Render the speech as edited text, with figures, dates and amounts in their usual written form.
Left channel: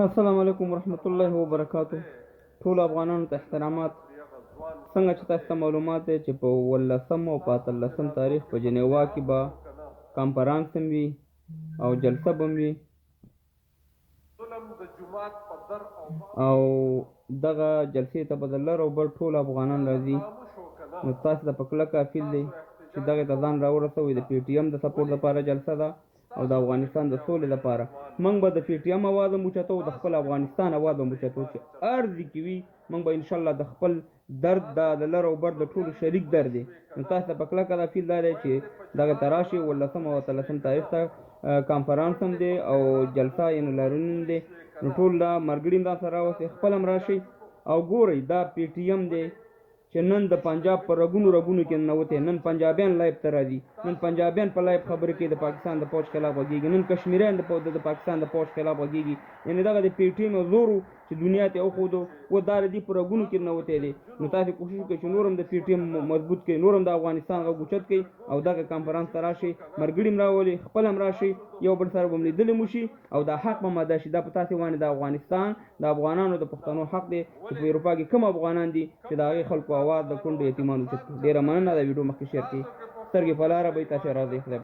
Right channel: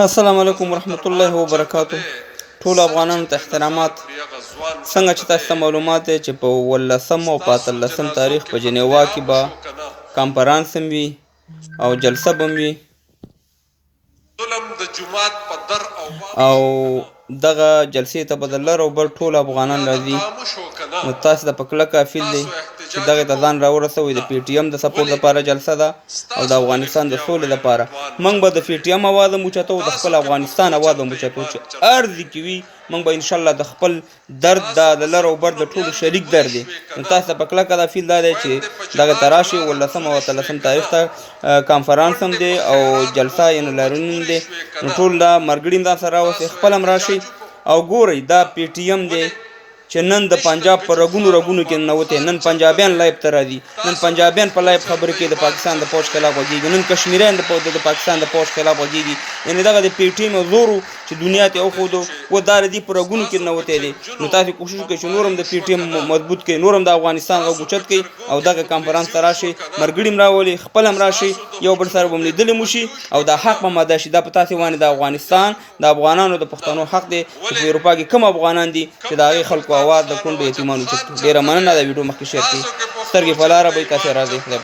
السلام علیکم ورحمت الله وبرکاتو. ټول افغانانو ته احترامات. څنګه چې تاسو ته معلومات دی چې په 18 او په 18 تاریخ په جنیوا کې به کانفرانس هم وي او جلسه به هم وي او دغه جلسې ته به د لر او بر ټول افغانان راځي. نو تاسو ته په کلکه اپیل دی چې دغې ته ځان راورسوئ. د پی ټي ایم د سپورټ لپاره جلسه ده او د افغانستان د سولې لپاره. موږ به د پی ټي ایم اواز هم اوچتو، د خپل افغانستان اواز هم اوچتو چې هر ځای کې وي موږ به انشاءالله د خپل درد د لر او بر د ټولو شریک درد دی. نو تاسو ته په کلکه دا اپیل دا دی چې دغې ته راشئ. 18 او 18 تاریخ ته کانفرانس هم دی او جلسه یعنې لاریون دی. نو ټول دا ملګري هم ځان سره راوستئ، خپل هم راشئ او ګورئ دا پی ټي ایم دی چې نن د پنجاب په رګونو کې ننوتی. نن پنجابیان لایب ته راځي، نن پنجابیان په لایب خبرې کوي، د پاکستان د پوځ خلاف غږیږي، نن کشمیریان د پاکستان د پوځ خلاف غږیږي. یعنې دغه د پی ټي ایم زور چې دنیا ته وښودو و دا د دې په رګونو کې ننوتی دی. نو تاسې کوشش وکړئ چې نور هم د پی ټي ایم مضبوط کړئ، نور هم د افغانستان غږ اوچت کړئ او دغه کانفرانس ته راشئ. ملګري هم راولئ، خپل هم راشئ، یو بل سره به هم لیدلې مو شي او دا حق به ماده شي. دا په تاسې باندې د افغانستان د افغانانو د پښتنو حق دی چې په اروپا کې کوم افغانان دي چې د هغې خلکو اواز د کونډو یتیمانو اوچت کړي. ډېره مننه. دا ویډیو مخکې شیر کړئ. سترګې په لاره به وي، تاسې راځئ.